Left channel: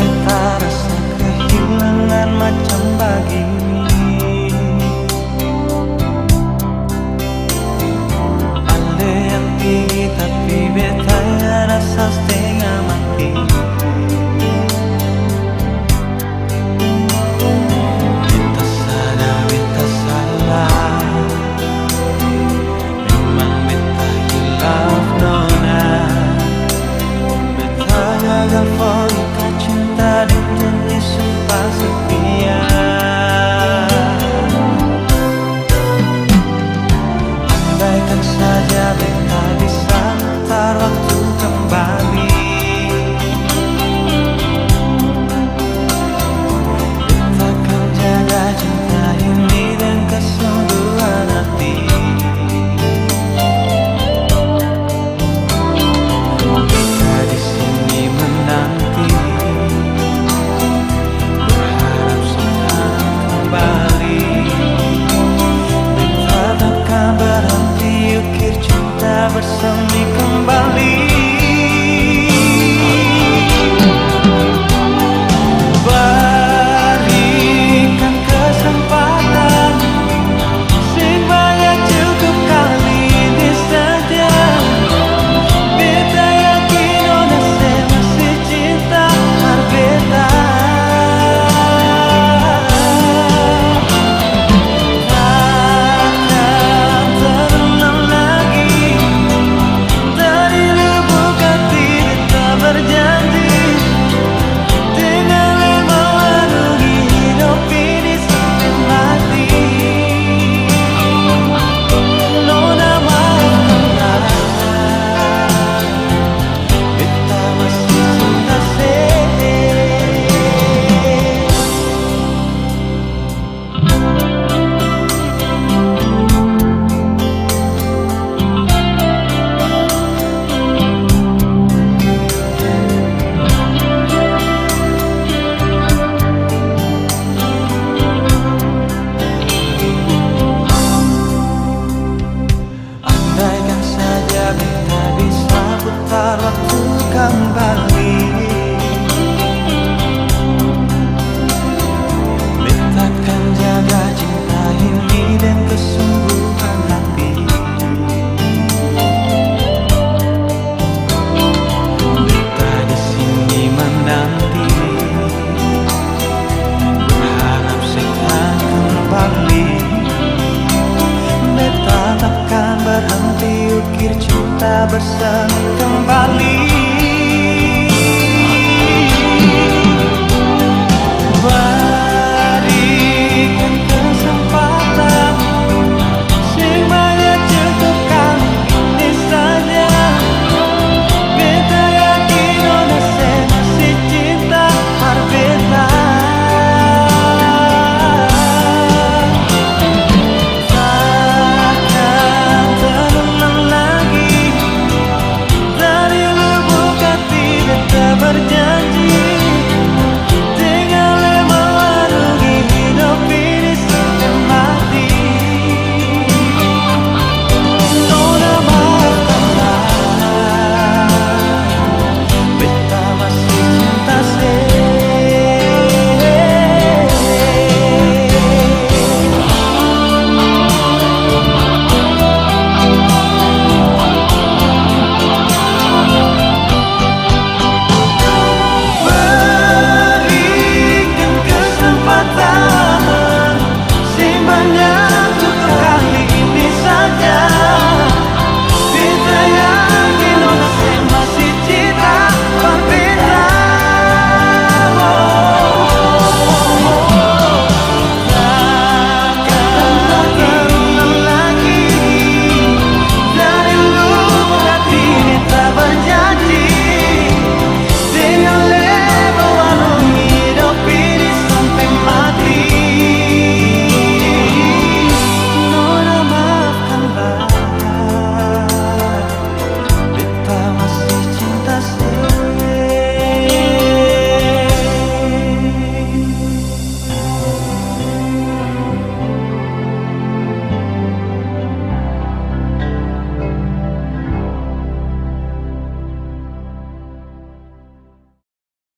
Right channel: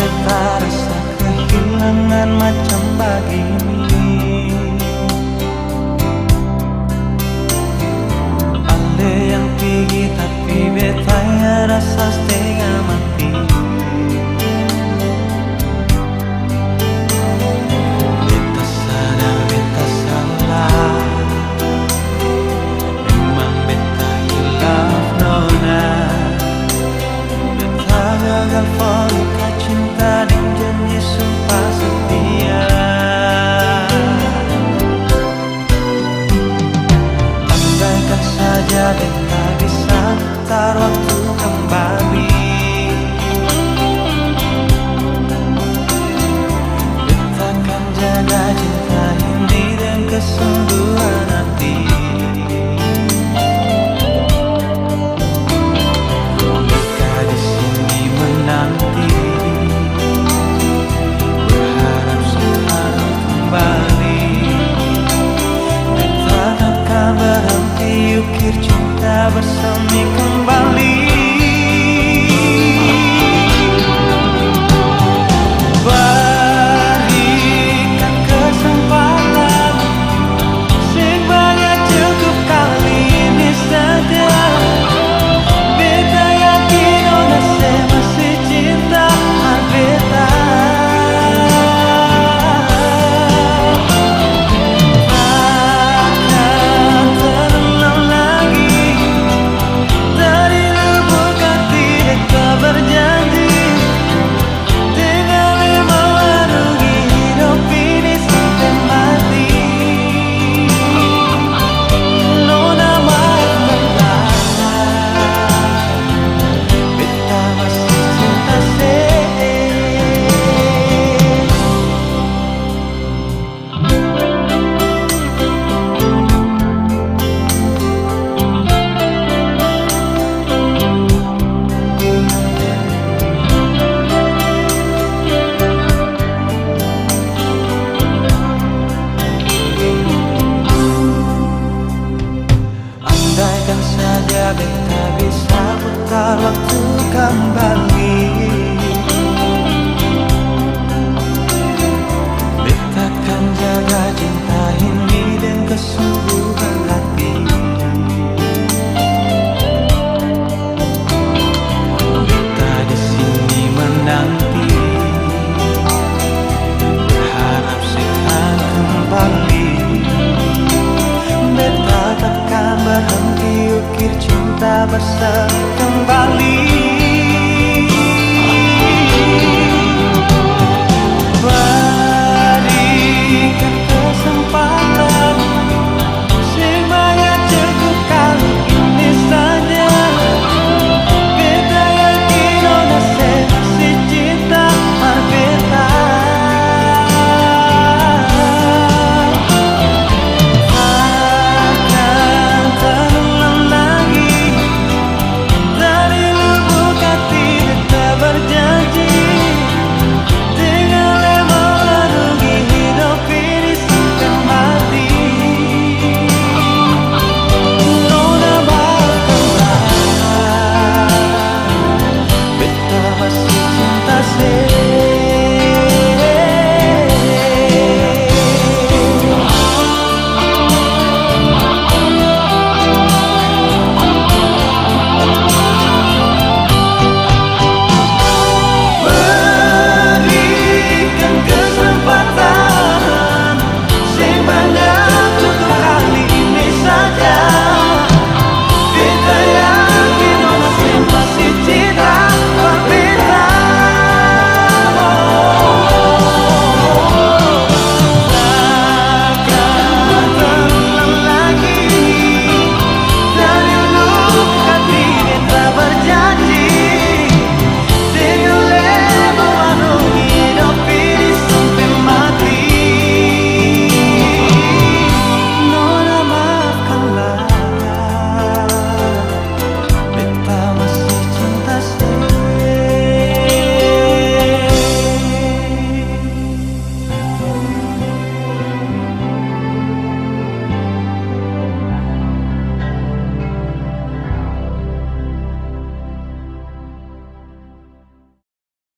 beta rasa kehilangan macam begini. Ale yang pergi tapi beta ya rasa setengah mati. Beta sadar beta salah, memang beta hilaf nona. Beta gagal forika cinta dan janji sumpah setia. Andaikan saja beta bisa putar waktu kembali, beta akan jaga cinta ini dengan kesungguhan hati. Di sini menanti, berharap sekarang kembali. Beta takkan berhenti ukir cinta bersemi kembali. Berikan kesempatan, sing banyak cukup kali ini saja. Beta yakin ona se masih cinta har beta. Takkan terulang lagi, dari lubuk hati beta berjanji, dengan lemah warungi hidup ini sampai mati. Nona maafkanlah, beta masih cinta se. Andaikan saja beta bisa putar waktu kembali, beta akan jaga cinta ini dengan kesungguhan hati. Beta di sini menanti, berharap sekarang kembali. Beta takkan berhenti ukir cinta bersemi kembali. Berikan